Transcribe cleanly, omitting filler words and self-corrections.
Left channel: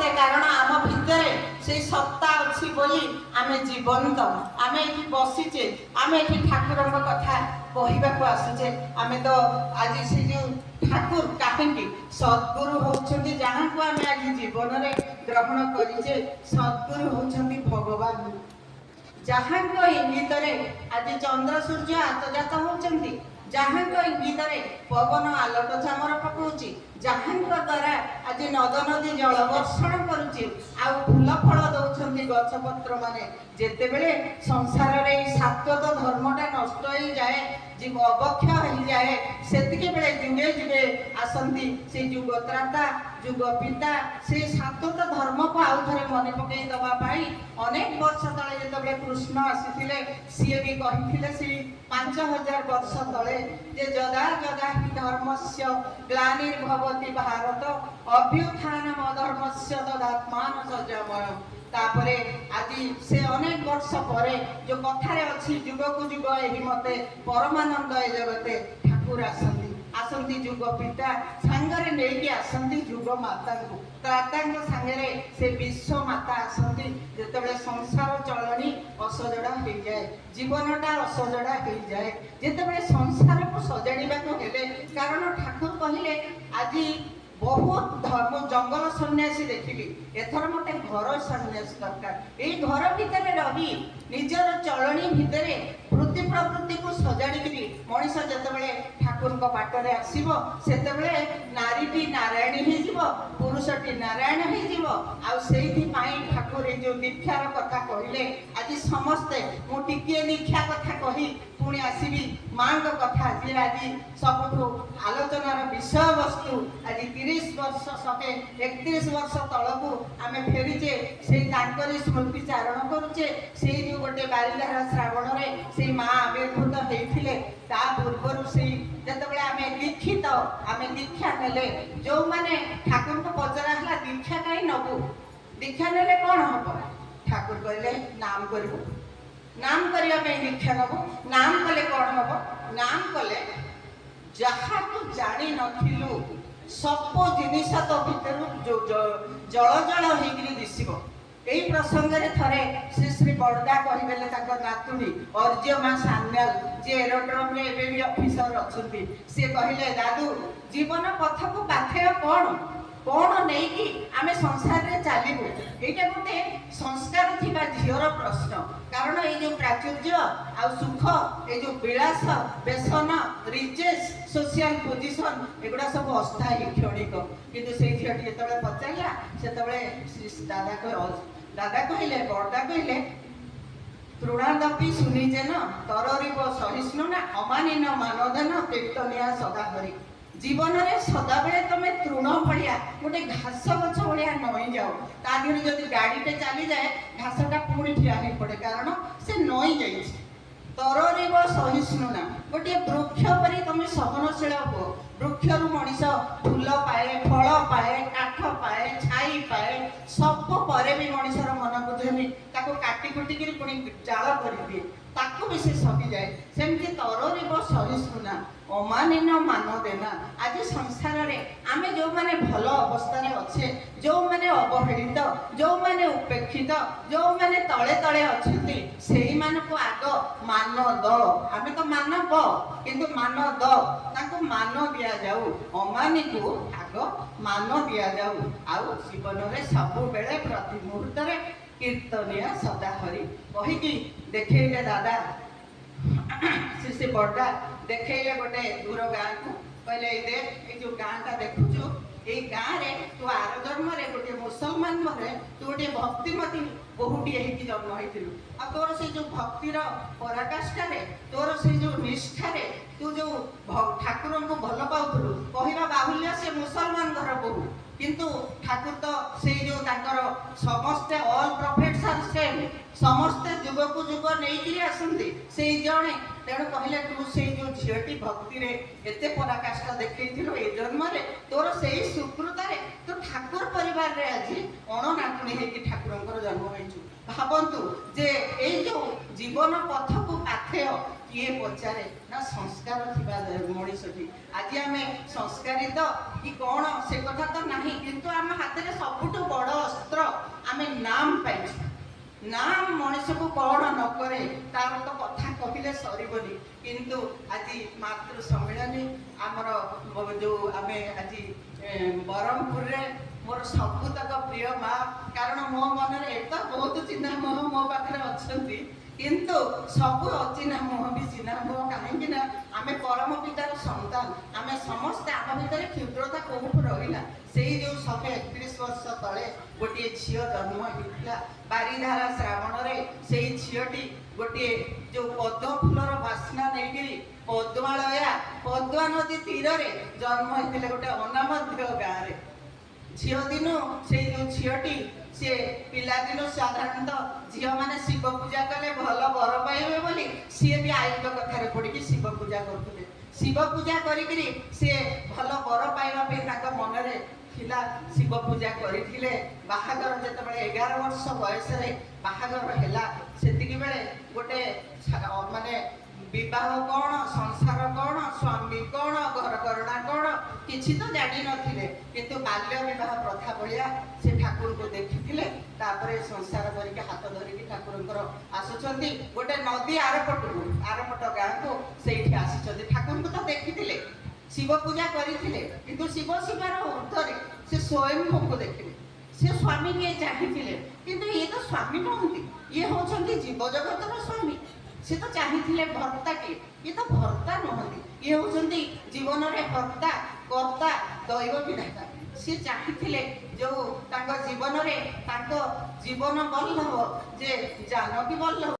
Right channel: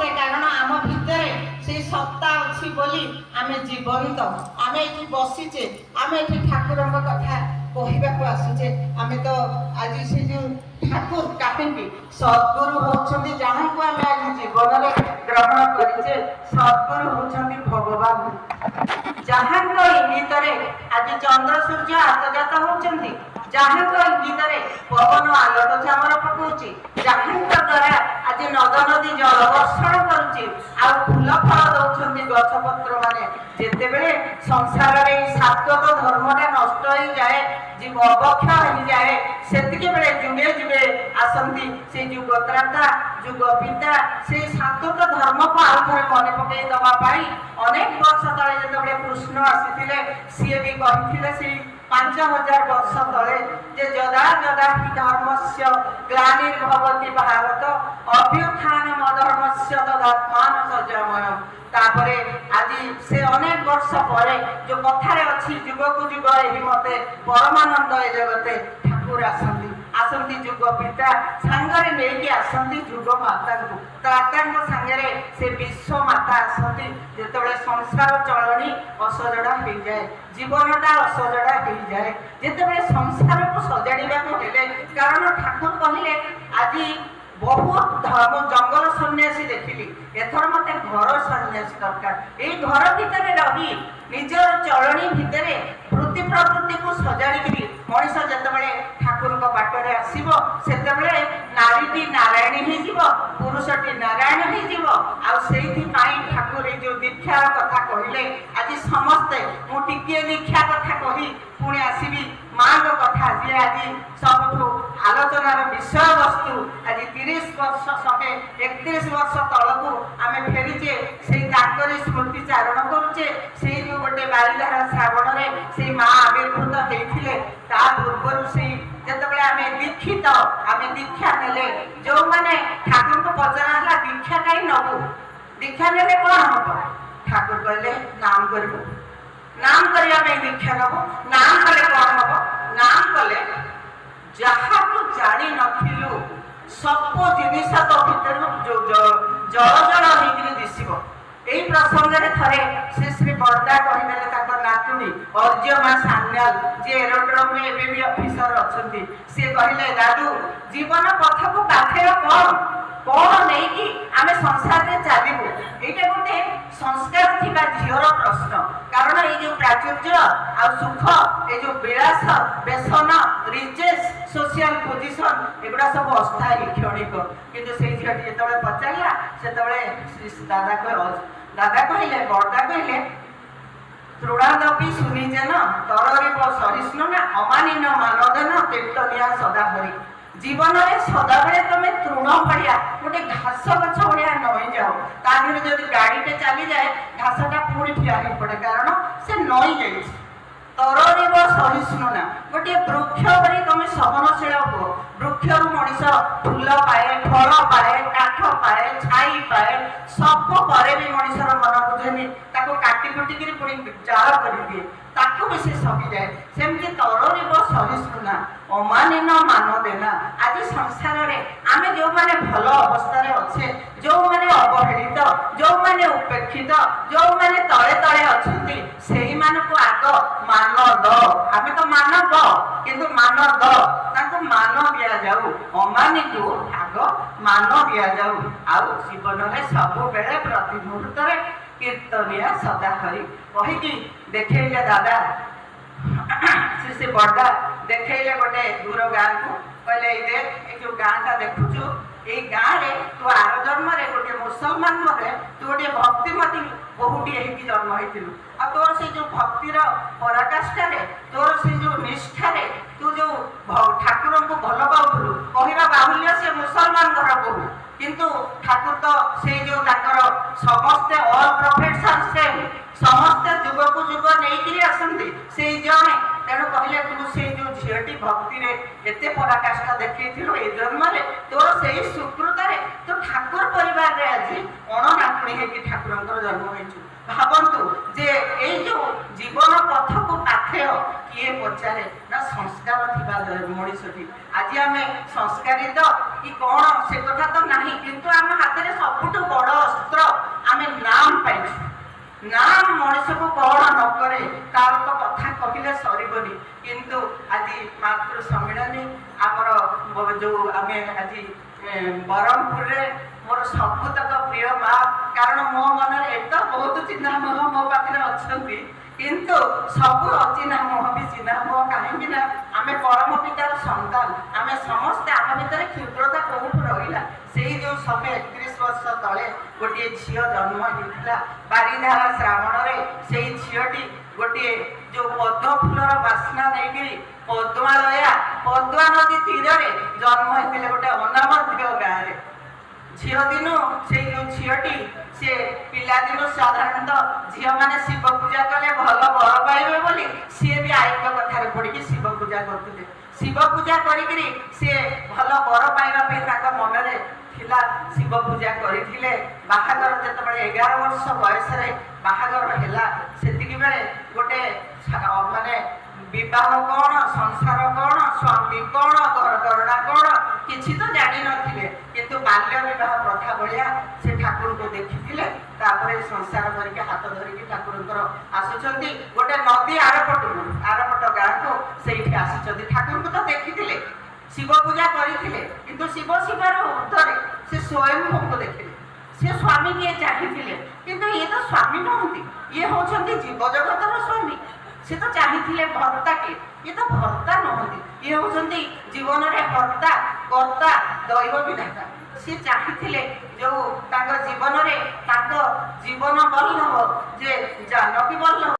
ସମସ୍ତେ, କାରଣ ଆମ ଭିତରେ ସେଇ ସତ୍ତା ଅଛି ବୋଲି ଆମେ ଜୀବନ୍ତ, ଆମେ ଏଠି ବସିଛେ, ଆମେ ଏଠି ଠାକୁରଙ୍କ କଥା କହିବାକୁ ଆସୁଛେ। ଆମେ ତ ଆଜି ସେ ଯେଉଁ ଠାକୁର କାହିଁକି ସଦ୍ଗୁରୁ ହେଉଛନ୍ତି, ଯାହାକୁ ଆମେ ଆଜି ଜୀବନରେ ଗ୍ରହଣ କରିଛେ, ସଦ୍ଗୁରୁ ହେଉଛନ୍ତି ଭଗବାନ, ଯାହାଙ୍କ ଇଙ୍ଗିତରେ ଆଜି ଚନ୍ଦ୍ର ସୂର୍ଯ୍ୟ ଆତଜାତ ହେଉଛନ୍ତି, ଯାହାଙ୍କ ଇଙ୍ଗିତରେ ପବନ ଆଲୋକ ଚାମର ପକାଉଛି, ଯାହାଙ୍କ ଦ୍ୱାରା ଆଜି ନଦ ନଦୀ ଜଳ ବର୍ଷଣ କରୁଛି, ଆଉ ଫୁଲ ଫଳ ଦଉଛନ୍ତି ଗଛ ପତ୍ର ମାନେ। ଯେତେବେଳେ ସଂସାରରେ ଏଇ ସାତ୍ୱତ ଧର୍ମଟା ନଷ୍ଟ ହେଇଯାଏ, ଜୀବ ଅବକ୍ଷ ହେଇଯାଏ, ସେତିକି ବେଳେ ଯୁଗେ ଯୁଗେ ଆସନ୍ତି ସେ ଯୁଗତ୍ରାତା ଯୁଗ ପିତା, ସେଇ ସାତ୍ୱତ ଧର୍ମକୁ ଆଉ ଥରେ ମନେ ପକେଇ ଦେବା ପାଇଁ ଅନେକ ବର୍ଷ ତଳେ ଯେତେବେଳେ କୃଷ୍ଣ ଆସିଥିଲେ, ସିଏ ବି କହିଥିଲେ ସେଇ 5000 ବର୍ଷ ତଳେ ଯେ ଯଦା ଯଦା ହି ଧର୍ମସ୍ୟ ଗ୍ଲାନିର୍ଭବତି ଭାରତ ଅଭ୍ୟୁତ୍ଥାନମ ଧର୍ମସ୍ୟ ତଦାତ୍ମାନ ସଞ୍ଜମୟ। ତାପରେ ଆଜି ସେ ଅନେକ ବର୍ଷ ପରେ ଯୋଉ କଥାରେ ଅଛି, ଯୁଗକୁ ଯୁଗ ଏହି ମତେ ପରମାନନ୍ଦ ଏ ଜଗତେ ଠାକୁର ଆସନ୍ତି ଯୁଗ ପିତା ସାଙ୍ଗରେ ନେଇକି ଆସନ୍ତି ଯୁଗ ମାତାଙ୍କୁ, ତ୍ରାତାଙ୍କ ସାଙ୍ଗରେ ସେ ବିଶ୍ୱ ମାତା ଆସନ୍ତି। ଯେତେବେଳେ ସଂସାର ଚଳଣି ଅସଜଡ଼ା ହେଇଯାଏ, ଜୀବନଟା ଅସଜଡ଼ା ହେଇଯାଏ, ଯେତେବେଳେ ସଂସାରକୁ ସଜାଡ଼ିବାକୁ ହେଲେ, କାରଣ ଠାକୁର କହିଲେ ଆଜି ବହୁତ ଧର୍ମ ଜଙ୍ଗଲ ସନ୍ନ୍ୟାସୀ ଦେଖିଲି, ଏଥର ମତେ ଘର ସନ୍ନ୍ୟାସୀ ଦରକାର। ଏଇ ଘର ଭିତରେ ରହି ନିଜର ଚଳଣି ଭିତରେ ବୃତ୍ତି ପ୍ରବୃତ୍ତିକୁ ସଜାଡ଼ିକିରି ମଣିଷ ଯେତେବେଳେ ଠାକୁରଙ୍କ ବାଟରେ ଆସିବ, ସେତେବେଳେ ନାରୀଟି ନାରାୟଣୀ ହେଇଯିବ, ପୁରୁଷଟି ନାରାୟଣ ହେଇଯିବ। ଆଉ ସେଇଥିପାଇଁ ଠାକୁର ଏଇ ଯୋଉ ଦୀକ୍ଷାର କଥା କହିଲେ, ଆଜି ସମସ୍ତେ ମୁଁ ଟିକିଏ ଦୀକ୍ଷା କଥା କହି ପୁଣି ଆସିବି ମାଙ୍କ କଥା, ଯିଏ ଆଜି ସବୁଠୁ ଆଲୋଚନାର ବିଷୟବସ୍ତୁ। ଆଜି 30 ବର୍ଷ 131 ବର୍ଷ ତଳକୁ ଆମେ ଫେରିଛେ, ସେଇ ତାଙ୍କରି ସ୍ମୃତି ଚାରଣ କରୁଛେ। ସେଇ ଯୋଉ ଗୋଟେ ବାରିଧାରା ଶ୍ରାବଣରେ ସେଇ ମା ଆବିର୍ଭୂତ ହେଇଥିଲେ, ତା ପୂର୍ବରୁ ସେଇ ଯେତେବେଳେ ଆମେ ଦୀକ୍ଷିତ, ଆମେ ଦୀକ୍ଷା ନେଲେ, ଯୋଉମାନେ ଠାକୁରଙ୍କୁ ପଚରା ହେଲା ଦୀକ୍ଷା କାହିଁ ନବୁ, ଦୀକ୍ଷା ନେଲେ କଣ ହବ? ଠାକୁର କହିଲେ ନାମ କରିବୁ, ନାମ କରିବା ପାଇଁ ଦୀକ୍ଷା ନବୁ। ନାମ କଲେ କଣ ହବ? ନାମ କଲେ ଯାହାକୁ ଜାଣି ନଥିଲୁ ସବୁ ଜିନିଷ ତୋ ଭିତରୁ ଜଳ ଜଳ ହେଇକିରି ଦିଶିବ। ଏଇ ପ୍ରସଙ୍ଗରେ ଥରେ ଶ୍ରୀ ବରଦା କହିଦେଲେ, ତାଙ୍କ ନାତୁଣୀ ଅର୍ଜମା ସାନ୍ୟାଲ, ଯିଏ ଏରୋଡ୍ରମରେ ଏବେ ବି ଅଫିସର ଅଛନ୍ତି, ସିଏ କହିଲେ ଦାଦୁ ଜୀବନ ପଥକୁ ବାଥେର କଣ ନେଇକି ଆମେ ସଂସାରରେ ଚାଲିବୁ? ଏଇଟା ଗୋଟେ ସଂସ୍କାର ଥିବା ଝିଅର ପ୍ରଶ୍ନ। କାରଣ ଏଇ ଯୋଉ ପ୍ରାଚୁର୍ଯ୍ୟ ଆଉ ସୁଖ, ଏଇ ଯୋଉ ବିଳାସ ବେସନ ରିଚେସ୍ ସୋସିଆଲ ପୋଜିସନ, ଏଗୁଡ଼ା ସବୁ ଅସ୍ଥାୟୀ କ୍ଷଣିକ। କିନ୍ତୁ ସେଇ ଝିଅଟି ଯେତେବେଳେ ପଚାରିଲା, ସେତେବେଳେ ଦାଦା କହିଲେ, ବରଦା କହିଲେ ତୃଣାଦପି ସୁନିଜେନ ତରରିବ ସହିଷ୍ଣୁ ନା ଅମାନିନ ମାନଦେନ କୀର୍ତ୍ତନିଆ ସଦାହରି। ଜୀବନରେ ସଦାବେଳେ ତମେ ତୃଣ ଭଳିଆ ଗୋଟେ ଘାସ ଗଛ ଭଳିଆ ନଇଁ ଯାଅ, ତା ଦେହରେ ଯଦି ଗାଡ଼ିଟେ ଚାଲିଯାଏ ଘାସଟା ପୁଣି ଠିଆ ହେଇ ପଡ଼େ, କାରଣ ସେ ନଇଁ ଯାଇଛି। ତରରିବ ସହିଷ୍ଣୁ ନା, ଗୋଟିଏ ବୃକ୍ଷ ପରି ତମେ ସହନଶୀଳ ହୁଅ। ବୃକ୍ଷରୁ ମଣିଷ ଫୁଲ ପାଏ, ଫଳ ପାଏ, କାଠ ପାଏ, ଛାଇ ପାଏ, ସବୁ ପରେ ବି ମଣିଷର ମନ ବୁଝେନି, ତାକୁ କାଟି କୁଟିକିରି ପୁଣି ଜାଳ କରିଦିଏ, ତାକୁ ବି ସେ ସହିଯାଏ। ସେମିତି ତରରିବ ସହିଷ୍ଣୁ ନା ଅମାନିନ ମାନ ଦେନା। ଆଜି ସଂସାରରେ ଆମେ ଯୋଉମାନେ ଭଲ ଅବସ୍ଥାରେ ଅଛେ, ଯୋଉମାନେ ଅବହେଳିତ, ଯୋଉମାନେ ଉପେକ୍ଷିତ, ଯୋଉମାନେ ତଳେ ତଳେ ଅଛନ୍ତି, ସେଇମାନଙ୍କୁ ଆଗ ମାନ ଦ। ଆମେ ତ ମାନବ, କିନ୍ତୁ ମାନ ଦ, ତାଙ୍କୁ ମାନ ଦିଆଯାଉ। ଅମାନିକୁ ଆଗ ମାନ ଦିଆଯାଉ। ଆଉ ଜୀବନରେ ସବୁବେଳେ ପ୍ରତି ମୁହୂର୍ତ୍ତରେ କୀର୍ତ୍ତନିଆ ସଦାହରି କହିକି ଦେଖେଇଲେ ଦାଦା ଶ୍ରୀ ବରଦା, ଦେଖେଇଲେ ଗୋଟେ ଦୂର ଗାଁକୁ, କହିଲେ ଏଇ ଦେଖ, ଏଇ ଯୋଉ ଗାଁଟା ଦେଖୁଛୁ, ଏଇ ଗାଁରେ ତୁ ଆର ଜନ୍ମରେ ଗୋଟେ ମୁସଲମାନ ଘରେ ତୁ ଗୋଟେ ଭକ୍ତିମତୀ ବୋହୂଟିଏ ହେଇକି ଜନ୍ମ ହେଇଥିଲୁ। ଆଉ ତୋର ସେଇ ଯୋଉ ଭକ୍ତିର ପରାକାଷ୍ଠାରେ, ତୋର ସେଇ ଯୋଉ ନିଷ୍ଠାରେ, ତୁ ଯୋଉ ଠାକୁରଙ୍କୁ ଭଲ ପାଉଥିଲୁ, କହିବା ବାହୁଲ୍ୟ ସେ ମୁସଲମାନ ଘର ବୋହୂ, କିନ୍ତୁ ଠାକୁର ତ ସେଇ ଯୋଉ ତାଙ୍କର ସମସ୍ତେ ଅଲ୍ ପ୍ରଫେଟ୍ସ ଆର୍ ସେମ୍, ସମସ୍ତେ ଯୁଗକୁ ଯୁଗ ନେଇକିରି ଆସନ୍ତି, ସେଇ ଜଣେ ତେଣୁ କହିଲେ ତୁ ସେଇ ଯୋଉ ଝିଅଟି ଭକ୍ତିରେ ଏତେ ପରାକାଷ୍ଠା ଦେଖେଇଥିଲୁ ଏ ଜନ୍ମରେ ତୋର ସେଇ ସୁକୃତରେ ତୁ ଠାକୁର ପରିବାରରେ ଆଜି ଅଣନାତୁଣୀ ହେଇକି ଠାକୁରଙ୍କର ଜନ୍ମ ହେଇଛୁ। ଭାବନ୍ତୁ ଯେ ଏଇ ଯୋଉ ଜୀବନ ପଥକୁ ପାଥେୟ କିଏ ପଚାରେ ନା ସଂସ୍କାର ଥିବା ମଣିଷଟି। ଆଜି ଆମେ ସଂସ୍କାରିତ କି କଣ ସେ କଥା ତ ନାହିଁ, କିନ୍ତୁ ଆମ ହାତରେ ସବୁଠୁ ବଡ଼ ଅସ୍ତ୍ର ଆମେ ନାମ ପାଇଛୁ। ନାମ ମଣିଷକୁ କଣ ନ କରେ ତାର ତ କଥା କହିଲେ ସରିବନି। କିନ୍ତୁ ଆଜି ମାତୃ ସମ୍ମିଳନୀ ଆମର ଯୋଉ ଆମେ ଆଜି ବ୍ରହ୍ମପୁରରେ ମୋର ସବୁତକ ପ୍ରିୟ ମା, କାରଣ ମୋ ମନରେ ଏତ ବହୁତ ଚିହ୍ନା ମୁହ ମୋ ପାଖରେ ଅଛନ୍ତି, କିନ୍ତୁ ସବୁ ଅଚିହ୍ନା ମୁହ ବି ଚିହ୍ନା ମୁହ। କାହିଁକି ନା ଆମେ ପରମ ପିତାର ସନ୍ତାନ, ଆମେ ସମସ୍ତେ ଆମ ଭିତରେ କ୍ଷୁଦ୍ରତା କୋଉଠୁ ରହିଲା। ସେଇ ଯୋଉ 131 ବର୍ଷ ତଳେ ଗୋଟିଏ ଝିଅ ଜନ୍ମ ହେଇଥିଲା ବାରିଧାରା ଶ୍ରାବଣରେ। ସେଇ ଝିଅଟି ଗୋଟିଏ ଯୋଉ ପଦ୍ମ ଫୁଲର ବାସ୍ନା ନେଇକିରି ପଦ୍ମା ନଦୀ ତୀରରେ ଜନ୍ମ ହେଇଥିଲେ ଗୋଟେ ଅନାମଧ୍ୟ ଗାଁରେ। ଝିଅ ଦିନୁ ସେଇ ଯୋଉ ଝିଅଟି ସେ ପିଲାଦିନୁ ସାଧାରଣତଃ ଝିଅମାନେ ଶିବ ପୂଜା କଲେ ଭଲ ବର ପାଇବେ ବୋଲି ସିଏ ବି ଆଇଙ୍କ କଥାରେ ପଡ଼ିକି ଶିବ ପୂଜା କରୁଥିଲେ। ଶିବ ପୂଜା କରିକିରି ସିଏ ଭଲ ବର ପାଇବା ପାଇଁ ତାଙ୍କ ମନରେ ଥିଲା, ଶିବ ପୂଜା କରିଥିଲେ। ବାହାଘର ଯେତେବେଳେ 11 ବର୍ଷ ବୟସରେ ବାହାଘର ହେଲା, ସେତିକି ବେଳେ ଗୋଟେ ମାନେ ବିବାହ କଣ, ସଂସାର କଣ, ସ୍ୱାମୀ କଣ, ଘରକରଣା କଣ କିଛି ତ ଜାଣିନଥିଲେ। କିନ୍ତୁ ବାଲ୍ୟ ବିବାହ ପ୍ରଥା ଭଳିଆ ସେ ଠାକୁରଙ୍କୁ ଦେଖିଥିଲେ। ତାପରେ ସଂସାର କରିକି ହାତ ଧରିକି ଠାକୁରଙ୍କର ଆସୁଛନ୍ତି ଗୋଟେ ନଦୀ ଆରପଟ ଗାଁକୁ, ସେଇଠି ଆସିଛନ୍ତି। ଠାକୁରଙ୍କୁ ତ ଦେଖିଥିଲେ, ଶିବ ପୂଜା କରିଥିଲେ, କିନ୍ତୁ ଶିବ ଶିବାର ଉର୍ଦ୍ଧ୍ୱରେ ସେ ସ୍ୱୟଂଭୂଙ୍କୁ ଦେଖିଲେ। ସେ ସ୍ୱାମୀ କିଏ ଚାହିଁଥିଲେ, କିନ୍ତୁ ଇଏ ତ ସ୍ୱାମୀ ନୁହନ୍ତି, ଇଏ ହଉଛନ୍ତି ଜୀବଜଗତର ସ୍ୱାମୀ। ସେ ତ ଚାହିଁଥିଲେ ଭର୍ତ୍ତାଟିଏ, ଇଏ ତ ଭର୍ତ୍ତା ନୁହନ୍ତି, ଇଏ ହଉଛନ୍ତି ଜୀବନରେ ହର୍ତ୍ତା କର୍ତ୍ତା ଦୈବ ବିଧାତା। ସେ ଚାହିଁଥିଲେ ଯୋଉ ତାଙ୍କ ଜୀବନରେ ତାଙ୍କ ଜୀବନ ବଲ୍ଲଭ ଯେ ଜାନକୀ ବଲ୍ଲଭ